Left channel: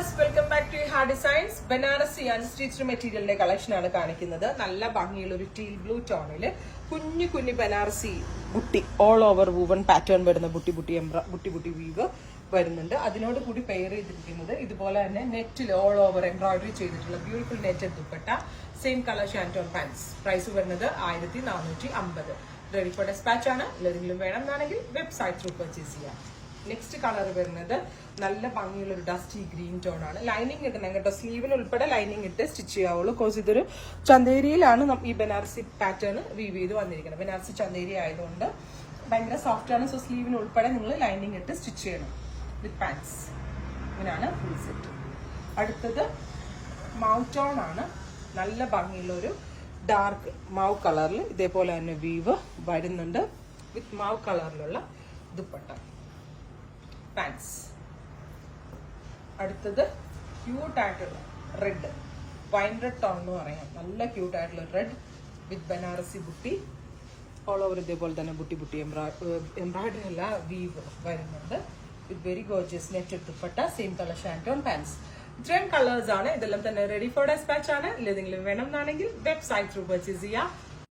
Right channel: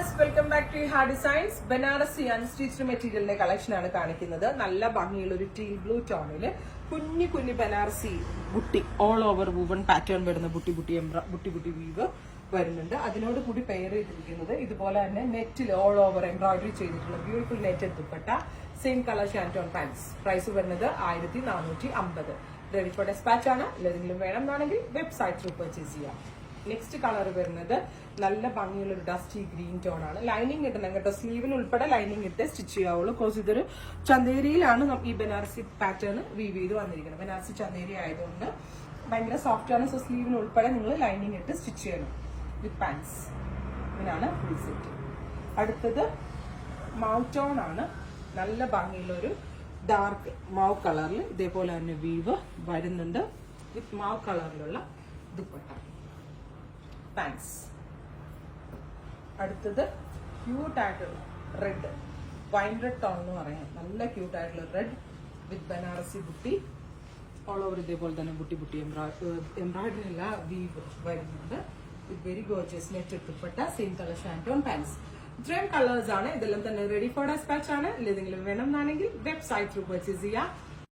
Viewers, welcome back to ഹാ designs. Banarasi unstitched മെറ്റീരിയലിന്റെ collection ആണ് കാണിക്കുന്നത്. നല്ല ഭംഗിയുള്ള ഒരു ടീൽ ബ്ലൂ ടോണില് കുഞ്ഞു കുഞ്ഞു Banarasi butti all over woven pattern വരുന്ന ബുട്ടി വീവ് വരുന്നുണ്ട്. അതിനോട് കൂടി പെയർ ചെയ്തിരിക്കുന്നത് ഇതുപോലെ തന്നെ നെറ്റിൽ ഓൾ ഓവർ എംബ്രോയിഡറി ചെയ്തിട്ടുള്ള beautiful netted dupatta, same colour shantoon pants. Price വരുന്നത് 1450. റെഡി ഫോർ ഡെസ്പാച്ച് ആണ്. ഏതെങ്കിലും വേണം എന്നാണെങ്കിൽ വെബ്സൈറ്റ് ത്രൂ പർച്ചേസ് ചെയ്യാം. നെക്സ്റ്റ് കളർ വരുന്നത് നല്ല ഭംഗിയുള്ള ഒരു ഡസ്റ്റി ഗ്രീൻ ടോൺ ആണ്. ലൈനിങ് ഇടണം കേട്ടോ, സ്ലീവിന് ഉൾപ്പെടെ ലൈനിങ് ഇട്ട് സ്റ്റിച്ച് ചെയ്യാവുള്ളൂ. കോഴ്സ് ഇതൊരു ചന്തേരിയിലാണ് ഈ ബനാറസി പാറ്റേൺ വീവ് ചെയ്ത് വന്നിരിക്കുന്നത്. ബനാറസി ചന്തേരി ആയതുകൊണ്ട് ഭയങ്കര സോഫ്റ്റ് ആണ്. സോ സ്ലീവിന് ഉൾപ്പെടെ നിങ്ങൾ ലൈനിങ് ഇട്ട് സ്റ്റിച്ച് ചെയ്യണം വിത്ത് പാൻസ്. ഇതിനാണ് ഫുൾ സെറ്റ്. അടുത്തത് മൗ ടോൺ ആണ്. നല്ല ഭംഗിയുള്ള ഒരു ഡാർക്ക് മാവ് കളറിൽ ഇതേപോലെ തന്നെ വീവ് വരുന്നുണ്ട് വിത്ത് മാവ് കളറിലുള്ള ദുപ്പട്ട, പാൻസ്. അടുത്തത് ക്യൂട്ടായിട്ടുള്ള റെഡ്, വൈൻ റെഡ് ടോൺ എന്ന് പറയാം. നല്ല ക്യൂട്ടായിട്ടുള്ള red with Banarasi butti all over ഇതേപോലെ തന്നെ ബുട്ടി എംബ്രോയിഡറി അല്ല വീവ് വരുന്നുണ്ട് with very gorgeous netted dupatta, same colour shantoon pants. ഇത്രയും കളേഴ്സ് ആണ്. ഇതെല്ലാം തന്നെ റെഡി ഫോർ ഡെസ്പാച്ച് ആണ്. ഏതെങ്കിലും വേണം എന്നാണെങ്കിൽ വെബ്സൈറ്റ് ത്രൂ പർച്ചേസ് ചെയ്യാം.